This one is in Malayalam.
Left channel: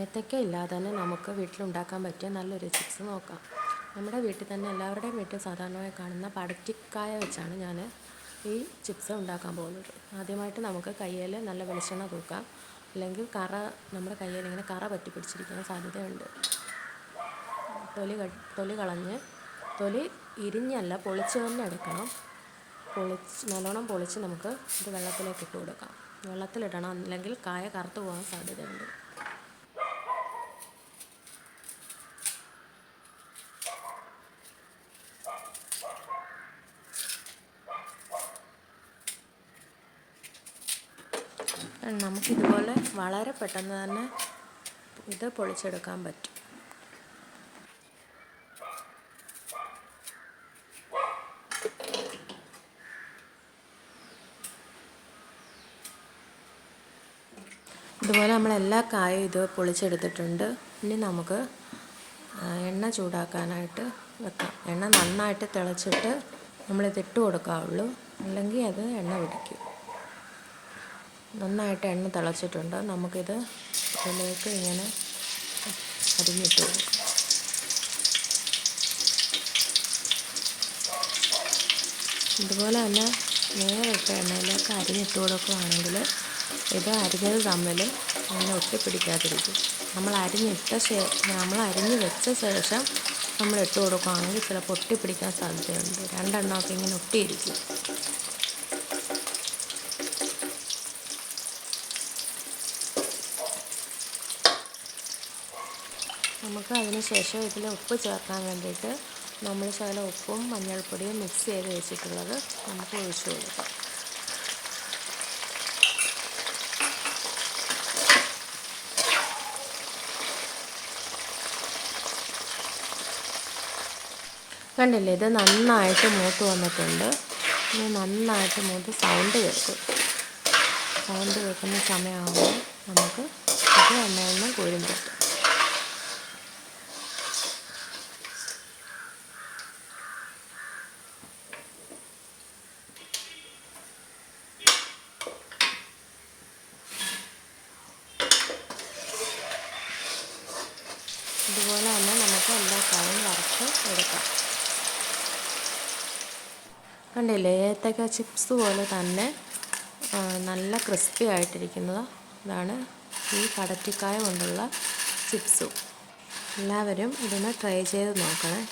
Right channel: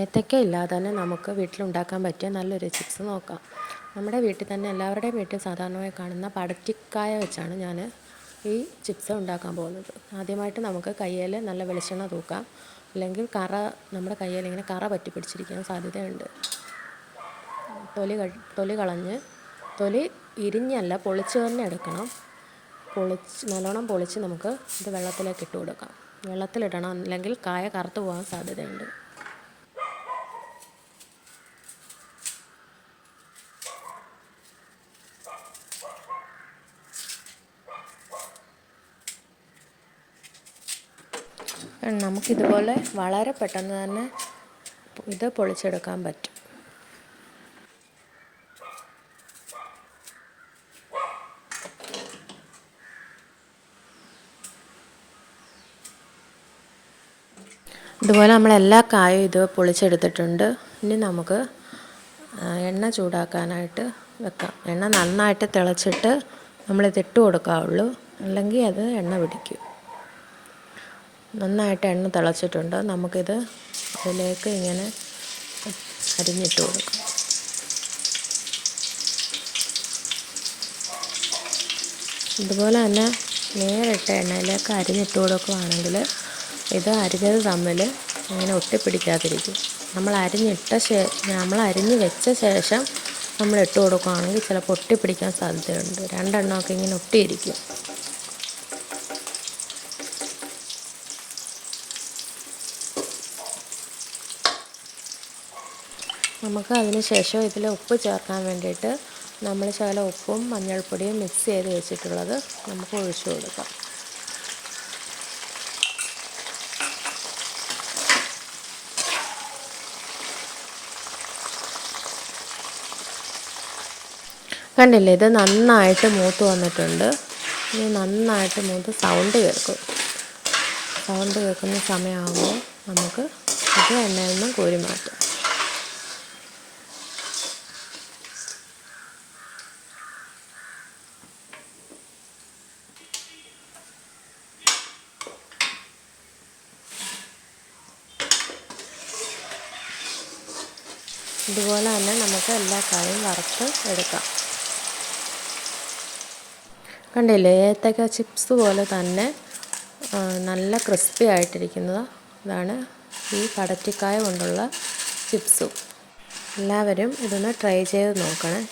ഏത്തയ്ക്ക ഇല്ലാതെ തന്നെ നമുക്ക് വീട്ടിലുണ്ടാക്കാൻ പറ്റിയ നല്ലൊരു ചിപ്സ് നോക്കാം. നമ്മുടെ വീട്ടിൽ തന്നെ എല്ലാവരുടെയും വീട്ടിൽ സാധാരണയായി കാണുന്ന പടക്കിക്കായ വെച്ചാണ് ഞാൻ ഈ ചിപ്സ് ഉണ്ടാക്കാൻ പോകുന്നത്. ആദ്യമായിട്ട് നമുക്ക് കയ്യിൽ നല്ല വെളിച്ചെണ്ണ തൂക്കാം. അല്ലെങ്കിൽ കറ നമ്മുടെ കയ്യിൽ ഇങ്ങനെ കറ പറ്റി പിടിച്ചിരിക്കാൻ സാധ്യതയുണ്ട്. തൊലി തൊലി കളഞ്ഞ് തൊലി ഇരിഞ്ഞല്ല പൊളിച്ച് തന്നെ എടുക്കണം. പൊളിച്ച് നല്ലോണം പൊളിച്ച് നമുക്ക് ഇത് വെള്ളത്തിലേക്ക് ഇട്ട് കൊടുക്കാം. വെള്ളത്തിലിടണം അല്ലെങ്കിൽ കായ കറുത്ത് പോകാൻ സാധ്യതയുണ്ട്. നമുക്കിതുപോലെ വളരെ പെട്ടെന്ന് തന്നെ ഇത് പൊളിച്ചെടുക്കാൻ പറ്റും. ഇതുപോലെ നമ്മൾ എല്ലാ കായും ഇത് പൊളിച്ചെടുത്തിട്ടുണ്ട്. ഇനി നമുക്ക് എണ്ണ ചൂടാക്കാനായിട്ട് വെക്കാം. എണ്ണ നന്നായിട്ട് തിളച്ചിട്ട് നമ്മളിത് ഇട്ട് കൊടുക്കാവുള്ളൂ. അല്ലെങ്കിൽ അത് എണ്ണ പിടിക്കും. നന്നായിട്ട് എണ്ണ തിളച്ചിട്ടുണ്ട്. നമുക്കിത് അതിലേക്ക് ഇങ്ങനെ അരിഞ്ഞിട്ട് കൊടുക്കാം. ഇതുപോലെ തന്നെ നേരിട്ട് എണ്ണയിലേക്ക് അരിഞ്ഞിട്ട് കൊടുക്കുകയാണെങ്കിൽ ഇത് അരിഞ്ഞത് തമ്മിൽ അങ്ങനെ ഒട്ടിപ്പിടിക്കാതിരിക്കും. നമ്മൾ അരിഞ്ഞിട്ട ശേ നമ്മൾ അരിഞ്ഞ് വെച്ച ശേഷം നമ്മൾ ഇട്ട് കൊടുക്കുകയാണെങ്കിൽ ചിലപ്പോൾ ഒട്ടിപ്പിടിക്കാൻ സാധ്യതയുണ്ട്. രണ്ടെണ്ണമൊക്കെ ഇങ്ങനെ ഒട്ടിയിരിക്കും. നമുക്ക് അതിന് ശേഷം ഇതിൽ ഉപ്പ് ചേർക്കാൻ വേണ്ടിയിട്ട് നമ്മൾ ശകല ഉപ്പും മഞ്ഞൾപ്പൊടിയും മിക്സ് ചെയ്ത് വെച്ചിട്ടുള്ളത് നമുക്ക് ഒഴിച്ചു കൊടുക്കാം. കണ്ടില്ലേ? ഇത് നന്നായിട്ട് മൂത്ത് വന്നിട്ടുണ്ട്. ഇനി നന്നായിട്ട് മൂത്ത് സൗണ്ട് കേൾക്കും. സൗണ്ട് കേൾക്കുന്ന സമയമാകുമ്പോൾ നമുക്ക് ഇത് എണ്ണയൊന്നും കോരി മാറ്റാം. ഇതുപോലെ തന്നെ നമുക്ക് എല്ലാ കായും വറുത്ത് എടുക്കാം. കണ്ടില്ലേ ഏത്തക്ക ചിപ്സ് പോലെ തന്നെ നല്ല ക്രിസ്പി ആയിട്ടിരിക്കുന്നത്. ഇതാണ് ഈ കടറ്റിക്കായ കൊണ്ടുള്ള ചിപ്സും എല്ലാവരും ഇതൊന്ന് ട്രൈ ചെയ്ത് നോക്കണേ.